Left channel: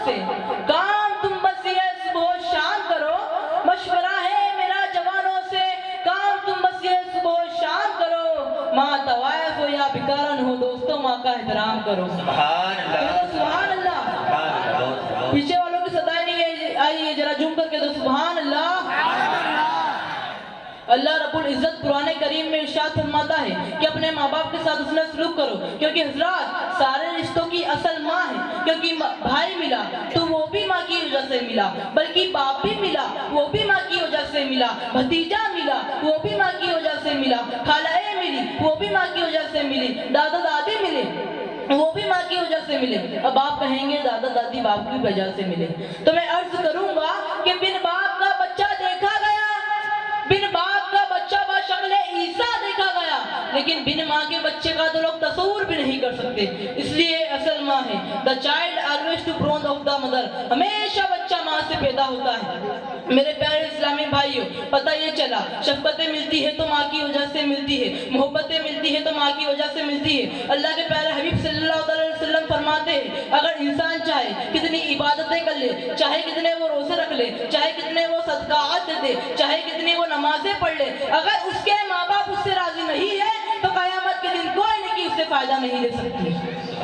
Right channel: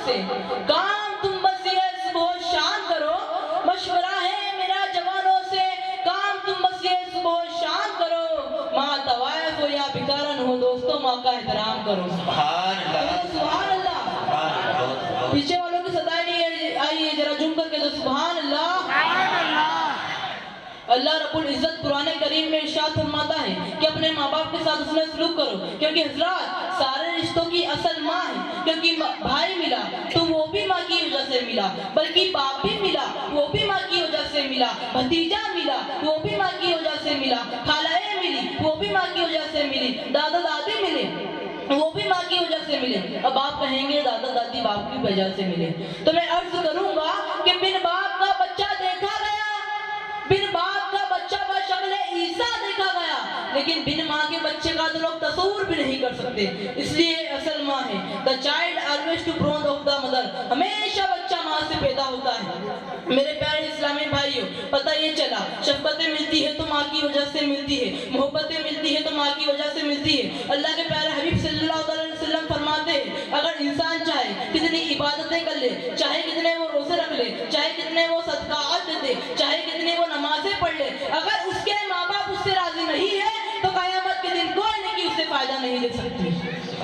से काम तुम बस ये सुबह शाम करो, मशवरा है मेरा जवानों से काम तुम बस ये सुबह शाम करो, माँ तवायफ हो या बिकारन हो दोस्तों माँ का एहतराम करो। सुभान अल्लाह, सुभान अल्लाह। पीछे वालों की सदाई नहीं आई है, जरा झूम करके तो सुभान अल्लाह। अल्लाह रब्बुल इज्जत कुरान करीम में इरशाद फरमाता है कि अपने माँ बाप के साथ उसने सलूक करो, क्योंकि हजरात सारे रिश्तों की असल माँ है, क्योंकि भाई मिला तो वो भी माँ की वजह से मिला, बल्कि बाप भी मिला वो भी माँ की वजह से मिला, भतीजा मिला वो भी माँ की वजह से मिला, खालाए मिली वो भी माँ की वजह से मिली, दादा दादी मिले वो भी माँ की वजह से मिले। अब आप कहेंगे दादा दादी बाप की वजह से मिले, तो मैं अर्ज करूंगा कि बिन बाप का बच्चा देखा गया, बिन बाप का बच्चा बशक्ल ईसा देखा गया, लेकिन बिन माँ के बच्चे का तो लोग तस्वुर भी नहीं कर सकते। इसलिए असल माँ है, the child always to grown of the mother, हमेशा बच्चा माँ से पैदा होता है। मेरे प्यारे इस्लामी भाइयों, पता ये चला शफ़क़तें मिलती है तो माँ की वजह से मिलती है, मोहब्बतें मिलती है तो माँ की वजह से मिलती है। अल्लाह के प्यारे हबीब सल्लल्लाहु अलैहि वसल्लम फरमाते हैं, अगर इंसान चाहे कितनी इबादतें कर ले, चाहे कितने वो रोजे रख ले, चाहे कितने वो सदकात दे दे, चाहे कितनी वो नमाजें पढ़ ले, अगर उसके माँ बाप उससे राजी नहीं है तो क़यामत के दिन कोई नहीं उससे फायदा नहीं दे सकती।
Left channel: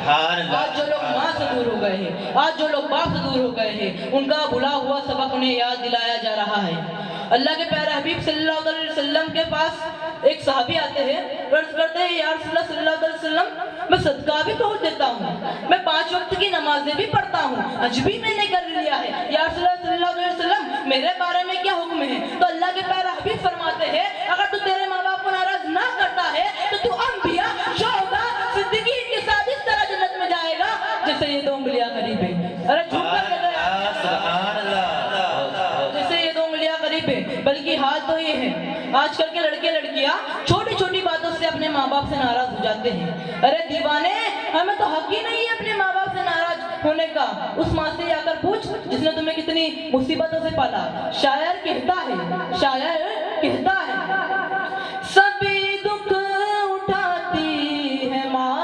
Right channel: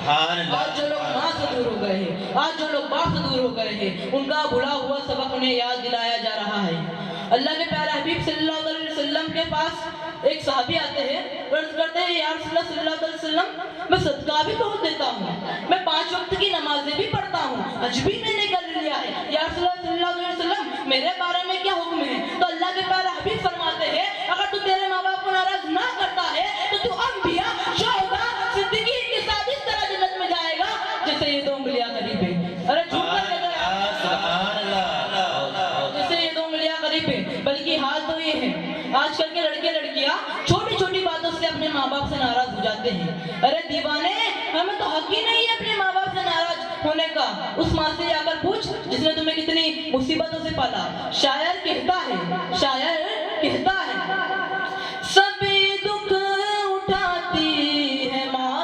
आज जो लोग माँ से दूर हो गए हैं, आज जो लोग बाप से दूर हो गए हैं, उनका भुला हुआ सबक उन्हें याद दिलाया जा रहा है। अल्लाह के प्यारे हबीब सल्लल्लाहु अलैहि वसल्लम के पास एक सहाबी आते हैं, अर्ज करते हैं या रसूल अल्लाह सल्लल्लाहु अलैहि वसल्लम मैं सदका भी बहुत देता हूँ, मैं 5 वक्त की नमाजें भी पढ़ता हूँ, हज भी मैंने कर लिया है, या रसूल अल्लाह सल्लल्लाहु अलैहि वसल्लम मेरे बारे में क्या हुक्म है? तो अल्लाह के प्यारे हबीब फरमाते हैं, अगर तू तेरे माँ बाप को नाराज ना करता है तो तू अंबिया शोहदा सिद्दीकीन के साथ इस तरह जन्नत में जाएगा जैसे ये 2 उंगलियां करीब है। अरे झूठ मत कहना, सुभान अल्लाह, जैसे ये 2 उंगलियां करीब है। बल्कि हाल तो ये है, आजकल के लड़के लड़कियां छोटी छोटी बातों से अपने माँ बाप से नाराज हो जाते हैं। अरे दीवाने, हमें तो हक ही नहीं है अपने माँ बाप से नाराज होने का। उस माँ से जाकर पूछ जिसने तुम्हें कितनी मुसीबतों से पाला। शायर कहता है, शायर कहता है, सभी दुख उठाती है माँ,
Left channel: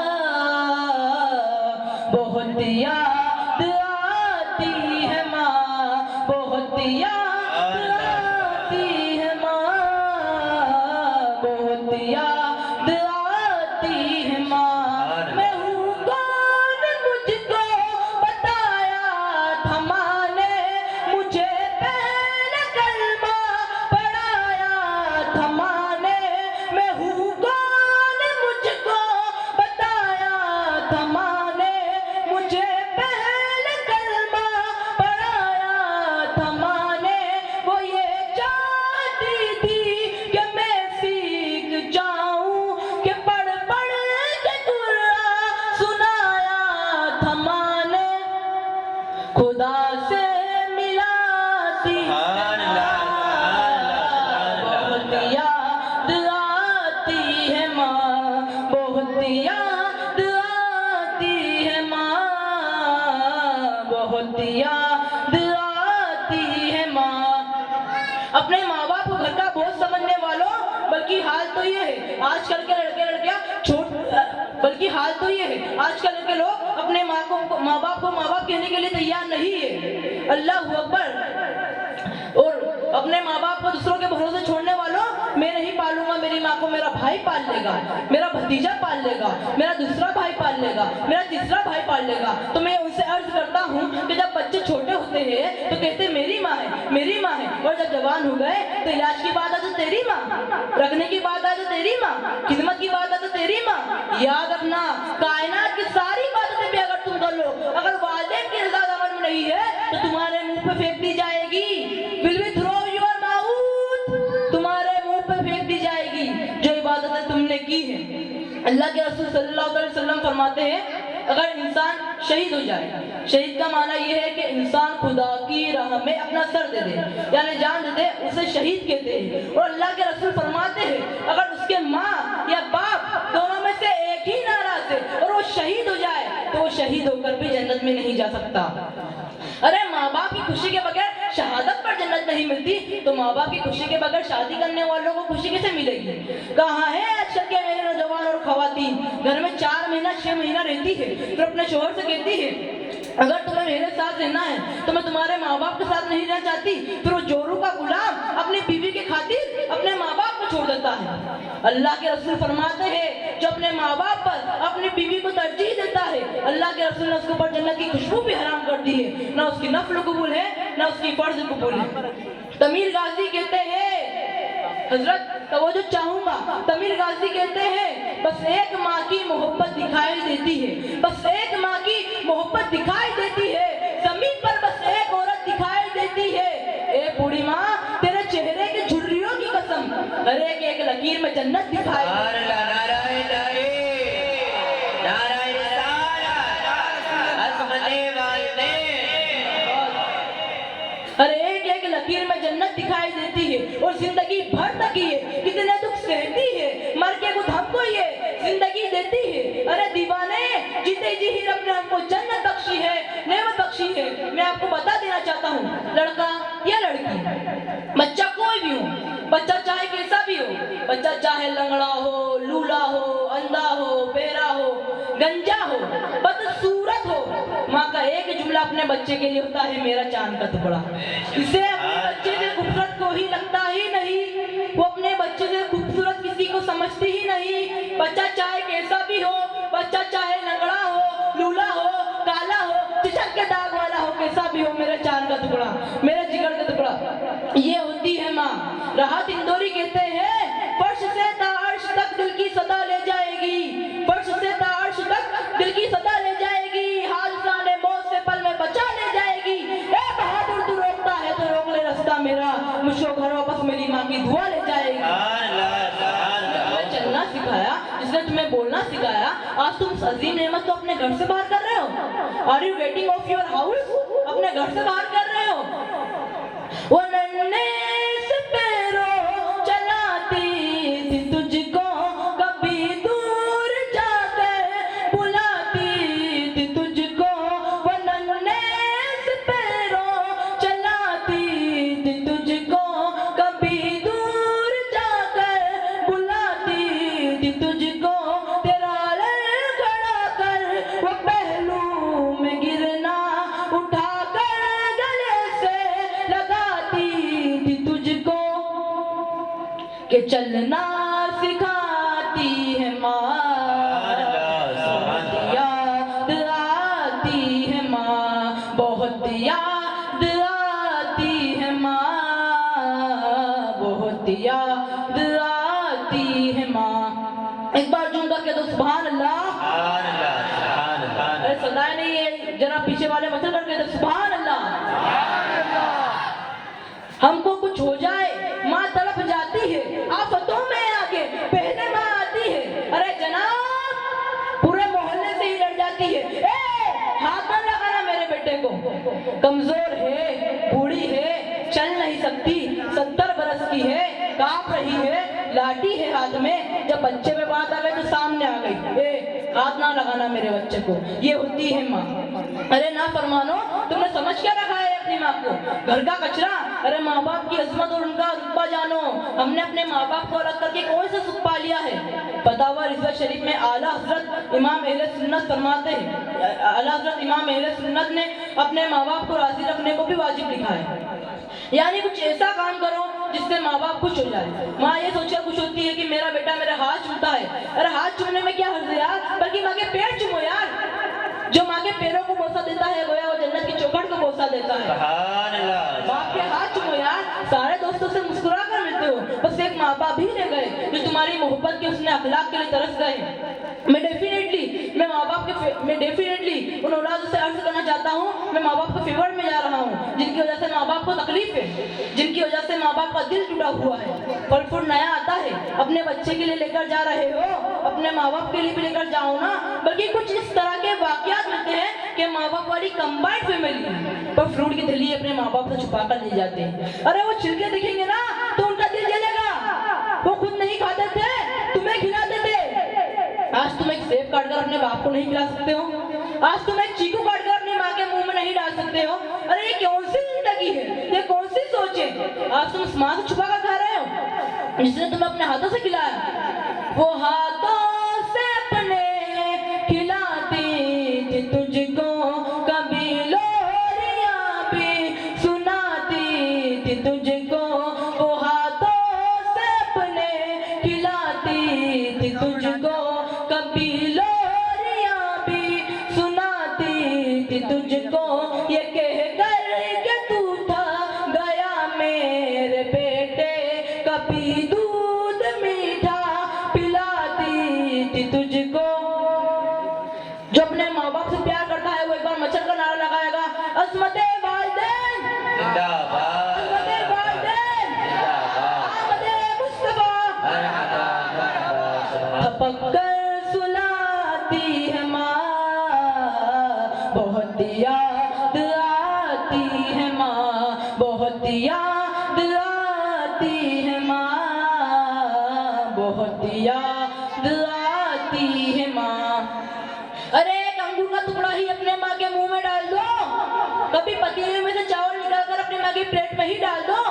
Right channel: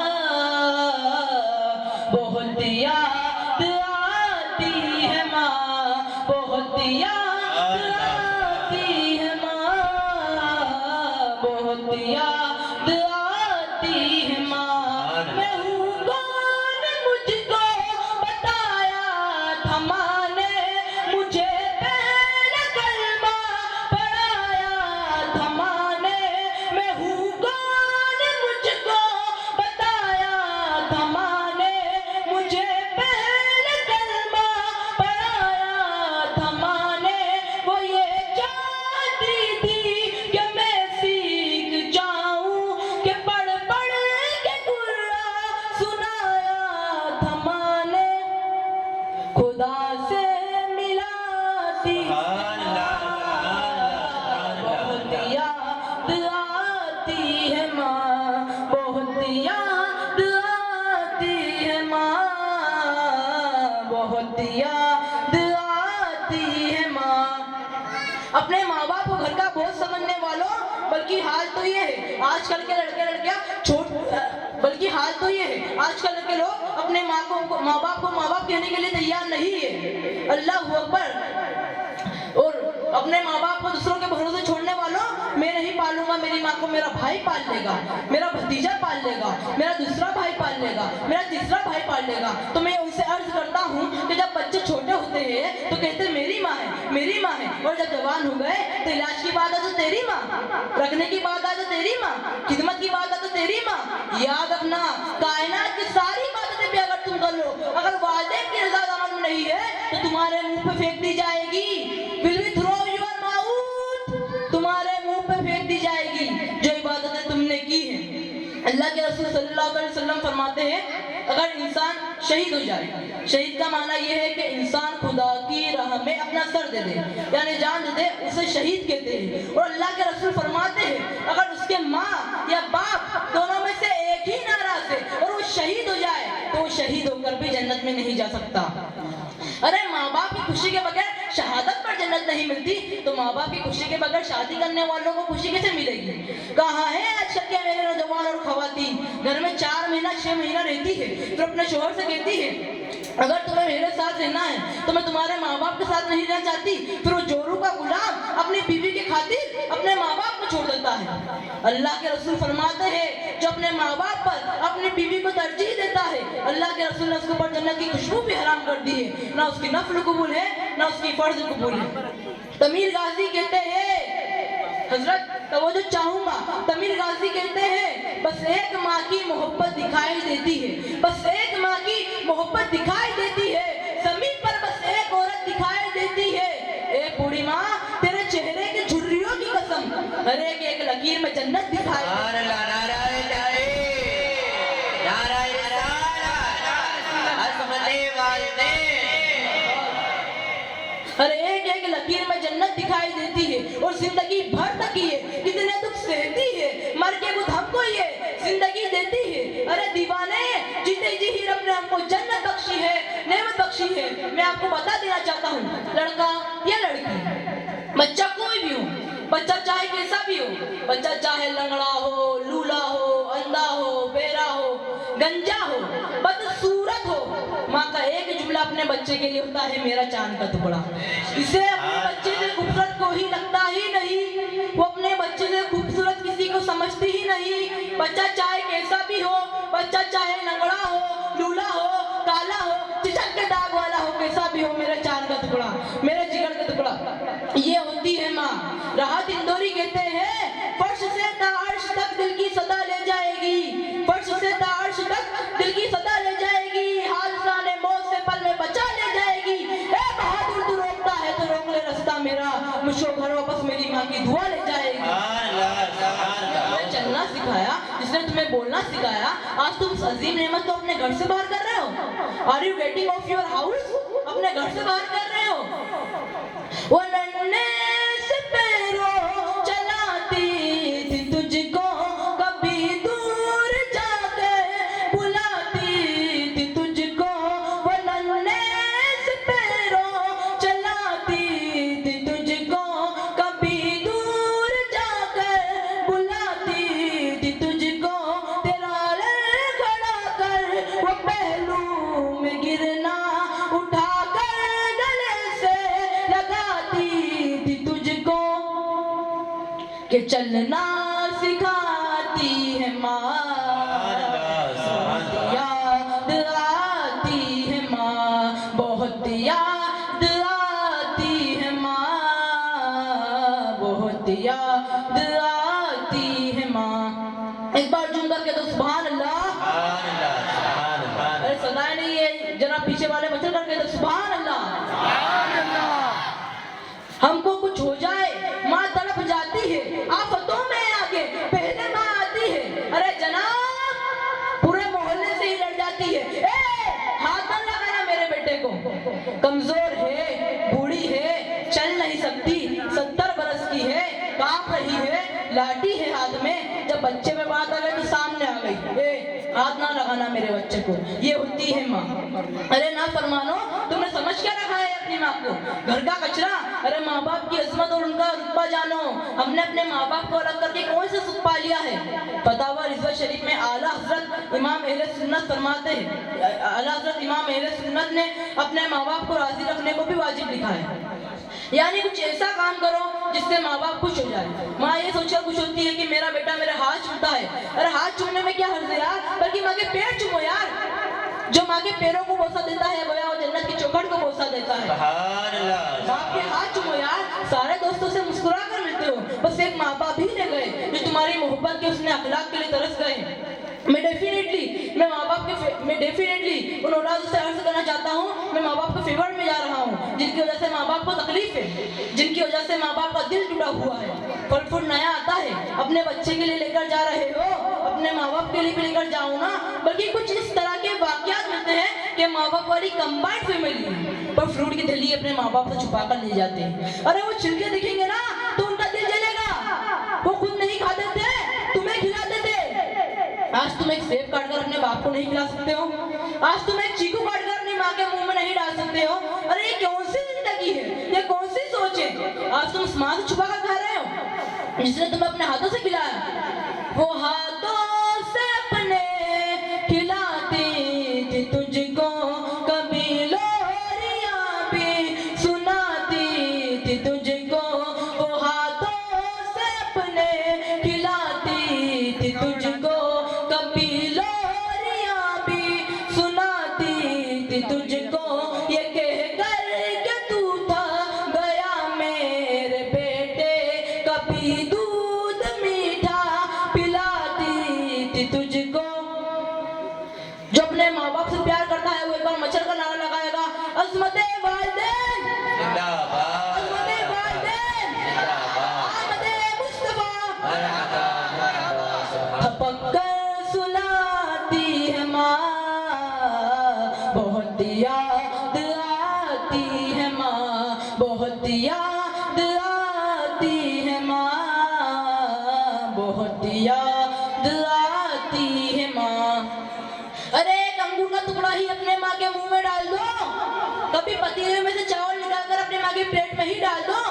बहुत याद आती है माँ, बहुत याद आती है माँ, बहुत याद आती है माँ। मैं हूँ कौन मुझको बताया था माँ ने, मुझे पहले कलमा पढ़ाया था माँ ने। मैं हूँ कौन मुझको बताया था माँ ने, मुझे पहले कलमा पढ़ाया था माँ ने। वो ये चाहती थी कि मैं सीख जाऊं, कि पढ़ पढ़ के कुरान सुनाया था माँ ने। खुदा से मिलाती सुभान अल्लाह, बहुत याद आती है माँ, बहुत याद आती है माँ, बहुत याद आती है माँ। अपने माँ बाप को घर का बोझ समझने वालों, बल्कि हाल तो ये है आजकल के लड़के लड़कियां बल्कि हाल तो ये है आजकल के लोग अपने माँ बाप को माँ बाप कहने के लिए तैयार नहीं है। अल्लाह अकबर। और अपने माँ बाप को दूसरों के भरोसे छोड़ने वालों, मैं नहीं पालूंगा मेरी माँ को, मेरा भाई पाल लेगा, मेरा भतीजा पाल लेगा, मेरा दूसरा भाई पाल लेगा, मेरा तीसरा भाई पाल लेगा। तो मैं उनसे अर्ज करता हूँ कि जब बच्चे छोटे होते हैं तो कहते मेरी माँ है, मेरी माँ है, और जब जवान हो गए तो इलाज की बात आ तो तेरी माँ, रखने की बात आ तो तेरी माँ, खिदमत की बात आ तो तेरी माँ। याद रखना, कायनात की सारी बातें भी अगर तुम कर लो, अगर वालिदैन की रज़ा अमल में नहीं है तो तुम्हारे मुंह पे फेंक दी जाएगी। Will we throw your mouth, तुम्हारे मुंह पे फेंक दी जाएगी जो इबादतें तुमने की है। अल्लाह के रसूल सल्लल्लाहु अलैहि वसल्लम फरमाते हैं, अगर इंसान शहीद हो जाए, शहीद का माना यह है कि इंसान खुदा की राह में अपना सर दे दे, यानी जान दे दे, उसे शहीद कहते हैं। और अल्लाह के रसूल फरमाते हैं, अगर उसके माँ या बाप दोनों में से एक ही नाराज है और वो शहीद हो जाए तो वो शहीद होकर भी जन्नत में नहीं जा सकता। अरे माँ बाप की खुशी के बगैर शहादत पर जन्नत नहीं मिलती, तो माँ बाप की खुशी के बगैर शादी करने वालों को खुशी कैसे मिलेगी? कहाँ है आजकल के मेरे नौजवान और खवातीन, घर में 4 महीना 6 महीना रहती है तो अपने शोहर से कहती है अगर तुम्हें मेरे साथ रहना है तो मैं तुम्हारे माँ बाप के साथ नहीं रहना चाहती। फिर वो जोरू का गुलाम अपनी बीवी के खातिर अपने माँ बाप को छोड़ देता है। अल्लाह के रसूल फरमाते हैं जो अपने माँ बाप पर अपनी बीवी को तरजीह देता है, अल्लाह के रसूल ने उसके ऊपर जन्नत की खुशबू भी हराम कर दी है। ना उसकी नफल कबूल है ना उसकी फर्ज कबूल है। तमीर गाजी कहते हैं, हजरत तवज्जो चाहूंगा, तमीर गाजी कहते हैं बस एक माँ की मोहब्बत दिखाई देती है, बस एक माँ की मोहब्बत दिखाई देती है, जमीन पर बस एक औरत दिखाई देती है। ए बूढ़ी माँ तेरे चेहरे की झुर्रियों की कसम, हर एक लकीर में जन्नत दिखाई अरे एक लकीर में जन्नत दिखाई देती है और जिंदगी भर तक ये कितने दुख सहती है, मर के खुद हमको ये जिंदगी देती है। अरे दीवाने जीते जी ही रब ने हमको जन्नत बख्शी है, नेमत बख्शी है। मैं आपको बता देना चाहता हूँ, लड़का या लड़की, बच्चा कोई भी हो, बच्चा चाहे कैसा भी हो, बच्चा चाहे लंगड़ा हो, लूला हो, अंधा हो, बेरा हो, गंजा हो, बदसूरत हो, माँ का एक जुमला अपने बच्चे के लिए होता है, मेरा चांद का टुकड़ा। इसे अपने बच्चे से खूबसूरत को ही लगता ही नहीं, वो अपने बच्चे से खूबसूरत किसी को समझती ही नहीं। बच्चा चाहे कैसा भी हो, बच्चा चाहे लंगड़ा हो, लूला हो, काला हो, चिचक के दाग वाला हो, कैसा भी हो, मेरा चांद का टुकड़ा, मेरा जिगर का टुकड़ा, ये होती है माँ। राहत इंदौरी कहते हैं फर्श से तार्श तक दिल की सदा ले जाएगी, फर्श से तार्श तक दिल की सदा ले जाएगी, हादसा ने मौत से पल में बचा ले जाएगी। ए बहादुर तू रोकता है तो रोक ले रास्ता मेरा, मुझको घर वापस मेरी माँ की दुआ ले जाएगी। चलना सिखाया, जिसने तुम्हें बोलना सिखाया, आज तुम उस अजीम नेमत को अपने घर से बाहर कर रहे हो। Are you getting off your house? अपने घर से बाहर कर रहे हो। वो नन्हे से पैरों चलाती थी तुझको, कभी दूर जाकर बुलाती थी तुझको, वो नन्हे से पैरों चलाती थी तुझको, कभी दूर जाकर बुलाती थी तुझको, तेरा खड़ा कर वो पहलू में गिरना उठा कर गले से लगाती थी तुझको, कि चलना सिखाती है माँ, याद आती है माँ, बहुत याद आती है माँ, बहुत याद आती है माँ। एक बार झूम करके तो सुभान अल्लाह। अरे सदाए नहीं है, जरा पीछे वाले मचल करके तो सुभान अल्लाह। हमको कुछ हो जाए माँ तड़प जाती है, आफतों में आगे पहले माँ आती है। अरे जनाब पूरे मोहल्ले से ही लड़ जाती है, ए हाथ न लगाना मेरे बेटे को, कमजोर है, बूढ़ी है, चल नहीं सकती, 70 बरस की है, कांप रही है, लाठी है हाथ में। जब बच्चे पे बात आ गई तो सामने आ गई, ए हाथ ना लगाना मेरे बच्चे को, ये होती है माँ। अरे ना फरमानो, तुमने समझ क्या रखा है अपनी माँ को, घर का कचरा। अरे माँ बाप की अजमत और उनका रुतबा जानो। हमने अपने माँ बाप को अलग करके कौन सा सुख पा लिया है? फतावा रिजवा शरीफ में आला हजरत इमाम अहले सुन्नत फरमाते हैं, आला हजरत इमाम अहले सुन्नत ने अपने माँ बाप को राजी रखने को भी वाजिब लिखा है। यानी कुछ ऐसा काम करो जिससे माँ बाप खुश हो जाए। माँ ये सोचकर खुश होती है कि मेरा बेटा मेरा हाथ चूमता है। अरे हाथ चूमने में क्या हर्ज है यार, बल्कि माँ के पैर चूमो यार। जो माँ के पैरों को बोसा देता है गोया वो जन्नत की चौखट को बोसा देता है। बाप के हाथ चूमो यार, सारे दोस्तों से मुस्कुरा कर मिलते हो, बस एक माँ बाप ही रह गए जो तुम्हारी मोहब्बत के उसने अखलाक के लिए तरस गए। मैं डेफिनेटली उन औलादों से अर्ज करना चाहता हूँ, मैं माँ बाप के फेवर में जा रहा हूँ जिनकी वजह से माँ बाप को तकलीफ है, जिनकी वजह से माँ बाप का दिल टूटा हुआ है। फल फूल नया आता है, अपने बच्चे के लिए लेकर जा रहे हो, अपने माँ बाप के लिए भी लेकर जाओ ना। बल्कि कुछ इस तरह के वाकयात मिलते हैं कि माँ बाप वाली कंबाइंड फैमिली पर फ्रूट की थैली अपने माँ बाप से छुपा कर ले जाते हैं। अरे वो छिलके दिखेंगे ना तो उनका दिल जलेगा, वो खुद नहीं खाते थे, तुम्हें खिलाते थे। आज तुम एक सेब काट कर अपने बाप को नहीं खिला सकते हो, आज तुम एक चीकू काट कर अपनी माँ के मुंह में नहीं डाल सकते हो। अरे ये कौन सी जिंदगी है, ये कौन सी सोच है? आज तुम उस माँ से छुपा कर खा रहे हो जिसने तुम्हें अपने हाथों से खिलाया। वो हाथों से अपने खिलाती थी तुझको, कभी ये कह कर के तू था गया मेरे बेटे, कभी दूध मीठा पिलाती थी तुझको। जो अपने माँ बाप से प्यार करता है वो एक बार मच्छर का नारा लगाएगा, अज़मते वालिदैन जिंदाबाद, अज़मते वालिदैन आमदे मुस्तफा। थपक कर सुलाती है माँ, बहुत याद आती है माँ, बहुत याद आती है माँ, बहुत याद आती है माँ। अरे एक अंगूर का टुकड़ा ही अपने माँ के मुंह में डाल दो, कभी पतीले में से चावल निकालकर अपने माँ की प्लेट में ही डाल दो,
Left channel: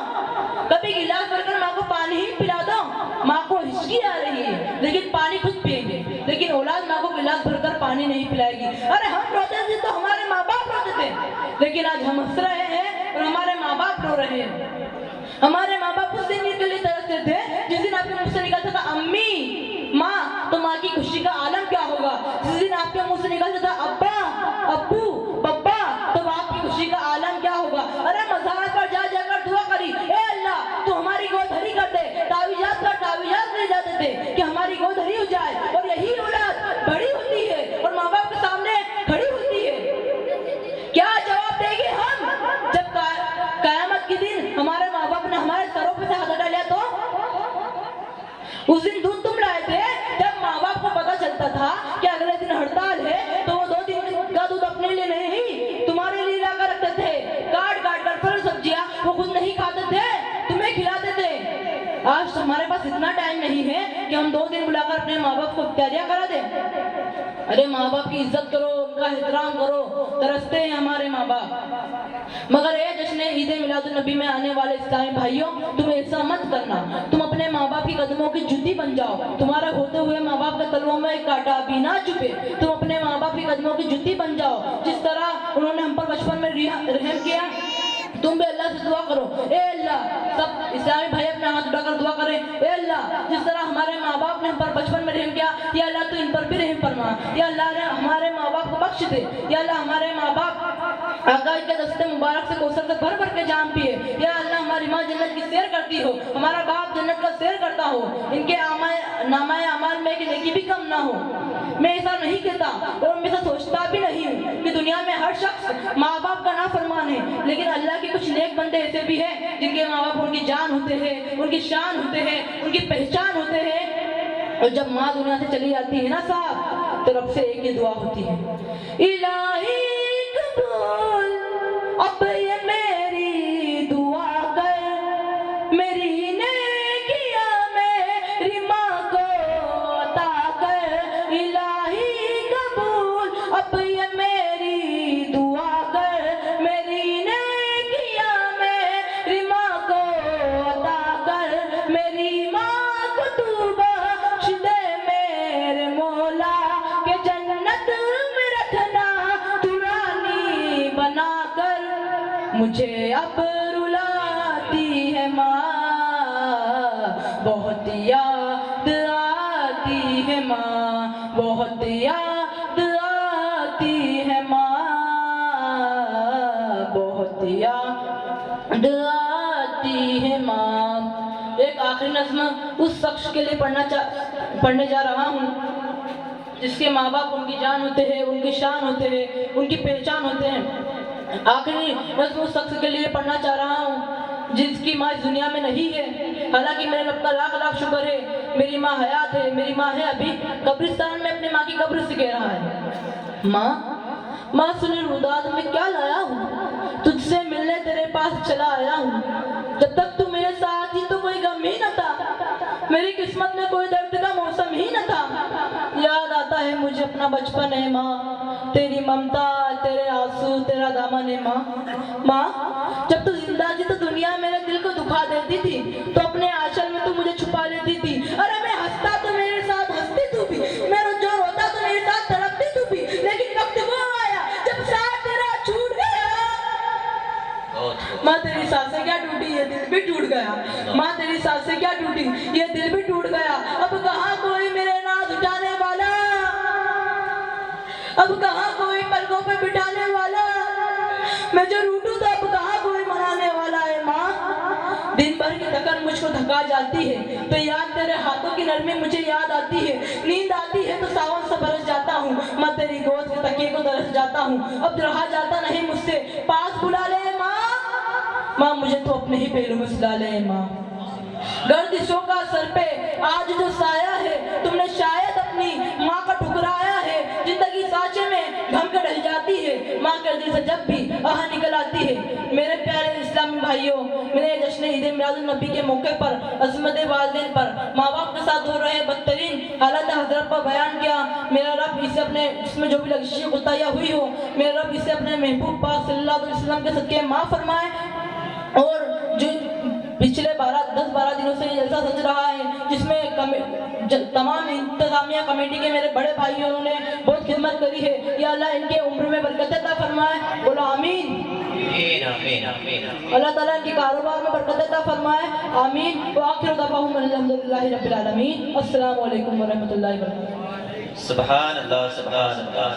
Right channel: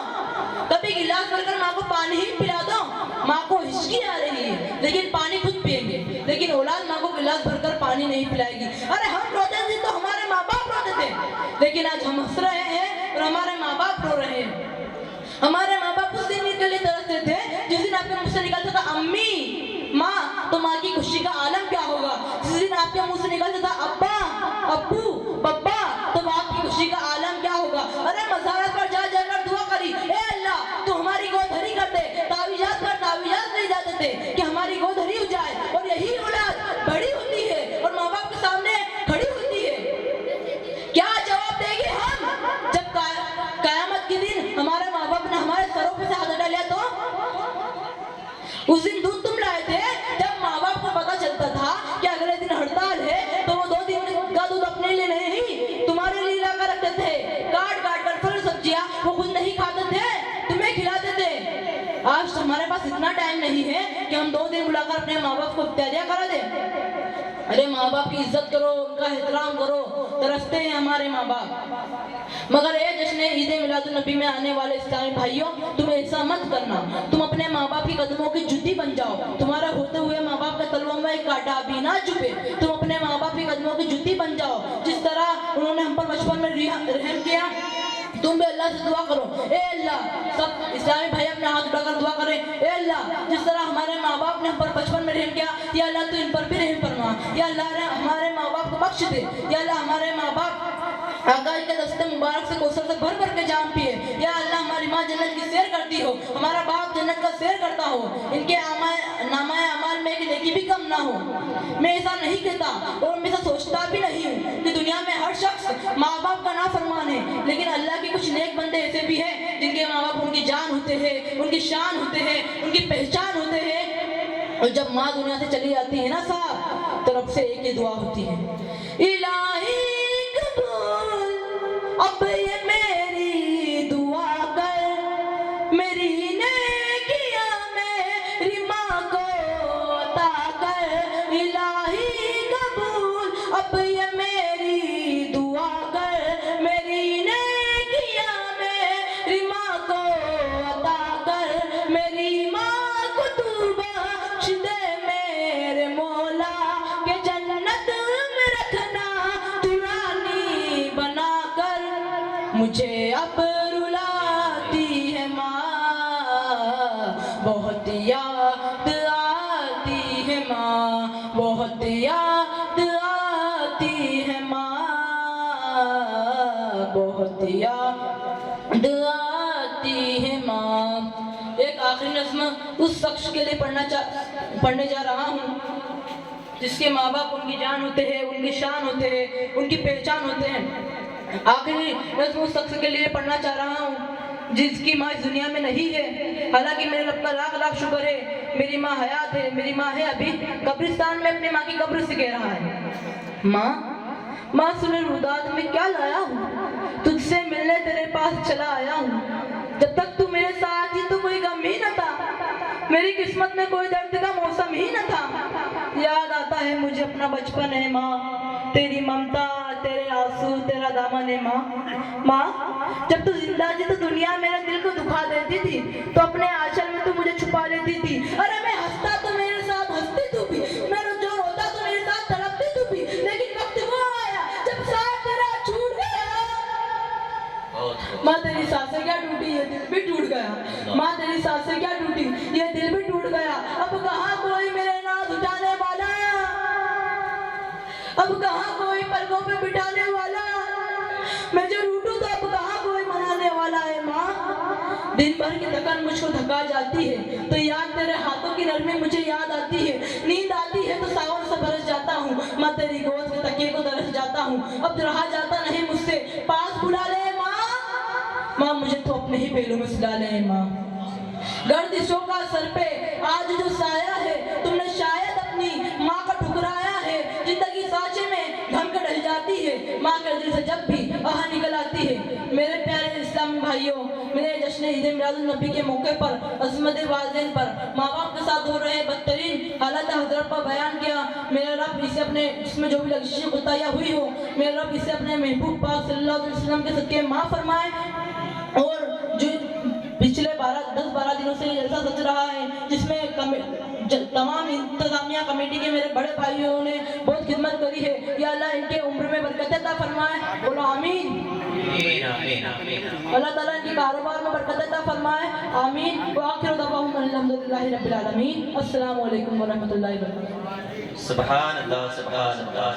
कभी गिलास भरकर माँ को पानी ही पिला दो। माँ को हिचकी आ रही है लेकिन पानी खुद पिएंगे, लेकिन औलाद माँ को गिलास भरकर पानी नहीं पिलाएगी। अरे हम रोते थे तो हमारे माँ बाप रोते थे, लेकिन आज हम हंस रहे हैं और हमारे माँ बाप रो रहे हैं। हमारे माँ बाप उस दिन के लिए तरसते थे जिस दिन आपके मुंह से निकलता था अम्मी माँ, तो माँ की खुशी का आलम क्या होगा। जिस दिन आपके मुंह से निकलता था अब्बा अब्बू पप्पा, तो आपकी खुशी का आलम क्या होगा। अरे मज़ार पर जा जाकर दुआ करी, ए अल्लाह तू हमारी गोद भरी कर दे। तावीज़ात पर तावीज़ात ले जाते थे कि हमारी गोद भरी हो जाए, और यही औलाद बड़ी होती है और माँ बाप के सामने खड़ी होती है। क्या जवाब देंगे हम जब कयामत के दिन हमारे माँ बाप ने हमारे सरों पे से हाथ हटा लिया। तो उस दिन दूध तुम लाए थे जब माँ बाप को पता चलता था कि अगले दिन हड़ताल है, तो वो 2 दिन का दूध अपने लिए नहीं तुम्हारे लिए लाकर रखते थे। काट काट कर फल सब्जियां वो खुद नहीं खाते थे, तुम्हें खिलाते थे। आज हमारे पास इतना टाइम नहीं है कि हम 2 दिन बुलाकर अपने माँ बाप को इत्यादियां करा दें। अरे माँ बाप की इज्जत करो, उनका एहतराम करो, तरसते हैं हमारे माँ बाप। मगर ये जश्न ईद मिलादुन नबी में आने वाले इस्लामी भाइयों, तुम ऐसा मत करना। तुम अपने माँ बाप की कदमों की जुती बन जाओ, तुम्हारा होते हुए माँ बाप के तलवों में एक कांटा भी ना चुभे। तुम अपने माँ बाप की कदमों की जुती बन जाओ, जिस तरह उन्होंने हम पर बचपन में रहम किया। तुम भी अल्लाह से दुआ करो, ए अल्लाह, सब इस्लामी भाई अपने हाथ उठाकर दुआ करें, ए अल्लाह जिस तरह हमारे माँ बाप ने हम पर बचपन में रहम किया, या अल्लाह तू इन पर भी रहम फरमा। या अल्लाह ने हमारे माँ बाप को बख्श दे। या अल्लाह हमारे माँ बाप आका के दस्ते मुबारक से कौसर से भर भर के जाम पिए। या अल्लाह हमारी माँ जन्नत की सैर करती हो, हमारा बाप जन्नत का सैर करता हो, इनके नामाए अमाल में की नेकी भी कम ना हो। मैं ऐसा नहीं कहता और मैं ऐसा सोचता भी नहीं हूँ कि दुनिया में हर शख्स माँ बाप का ना फरमान है, लेकिन अल्लाह के कुछ नेक बंदे ऐसे भी हैं जिनके माँ बाप उनकी जान होते हैं, उनकी शान होते हैं, उनकी पहचान होते हैं। और जब माँ दुनिया से चली जाती है ना साहब, तो रब से एक ही दुआ होती है, इलाही कबूल अब ये मेरी दुआ कर, मेरी नेकियां मेरी माँ को अता कर। इलाही कबूल अब ये मेरी दुआ कर, मेरी नेकियां मेरी माँ को अता कर। मेरी माँ को तू बख्श दे मेरे मौला, के जन्नत में रखना तू रानी बना कर। मुझे अब रुलाती है माँ, बहुत याद आती है माँ, बहुत याद आती है माँ, बहुत याद आती है माँ। एक आखिरी नज़्म उस शख्स के लिए पढ़ने जा रहा हूँ जिसके माँ बाप उनकी जान होते हैं, उनकी शान होते हैं, उनकी पहचान होते हैं। आखिरी नज़्म उस शख्स के लिए पढ़ना चाह रहा हूँ जिसकी माँ इस दुनिया में नहीं है। हालांकि मेरे रब का लाख लाख शुक्र है, मेरी माँ हयात है, मेरी माँ है अभी कब्रिस्तान में अपनी माँ की कब्र से कह रहा है, माँ सुने रुदाद में क्या लाया हूँ, तुझसे मिलने तेरे पास चला आया हूँ। जब तक तू मेरे साथ थी तो कोई गम ही न था, मेरी किस्मत में कोई दर्द का मौसम ही न था। याद आता है मुझे अपना बचपन है माँ, तेरी ममता, तेरे आंसू, तेरा दामन है माँ। जब तू जिंदा थी तो दुनिया मेरे दिल को दुखा देती थी, तो अपने आंचल में तू मुझे छुपा लेती थी। अरे मैं हंसता तो मेरे साथ हंसती तू भी, मैं जो रोता तो मेरे साथ तड़पती तू भी, लेकिन वक्त वो आया जब साथ तेरा छूट गया। माँ तेरी सांसें क्या टूटी, ये दिल भी टूट गया। माँ तेरी सांसें क्या टूटी, ये दिल भी टूट गया। अब कहाँ कोई मेरे नाज उठाने वाला, अब कहाँ कोई पलकों पे बिठाने वाला। मैं जो रूठूं तो अब कहाँ कोई मनाने वाला है माँ। दिन भर की थकान मुझको थका जाती है तो याद तेरे हाथों की नरमी मुझे याद आती है। नींद आती है तो सावन से बरस जाता हूँ, मैं तेरी गोद के तकिए को तरस जाता हूँ। अब रहा जाता नहीं मुझसे, पास बुला ले माँ। माँ मुझे तो अपने ही पहलू में सुला ले माँ। गर्दिशों का सर पे आज जो साया है, तुमने शायद अपनी माँ का ठुकराया है। जिंदगी सांचे में घम के ढल जाती है, माँ के दिल से जब भी आह निकल आती है। मेरे प्यारे इस्लामी भाइयों, मेरे जश्न ईद मिलादुन नबी के मौके पर अज़मत वालिदैन पर माँ बाप के साथ हो रहे बदतरीन हालात हज़रत पर बयान किया। मेरा रब इसे अपने इसमें जो भी लग़ज़िशें कोताहियाँ हुई हो, मेरा रब इसे अपने महबूब पाक सल्लल्लाहु अलैहि वसल्लम के सदक़े माफ़ फरमाए। और जो पिछले 10-12 दिनों से जलसा सच रहा है, जिसमें तमाम इंतजामिया कमेटी के मेरे बड़े भाइयों ने बहुत खिदमत करी है, या अल्लाह इनके उम्र में बरकत अता फरमाए। बोलो आमीन। अल्लाह ताला इनके कारोबार में बरकत अता फरमाए। आमीन। व आखिर दअवाहुम अल्हम्दुलिल्लाहि रब्बिल आलमीन। अस्सलामु अलैकुम व रहमतुल्लाहि व बरकातहू। सुभान अल्लाह, सुभान अल्लाह।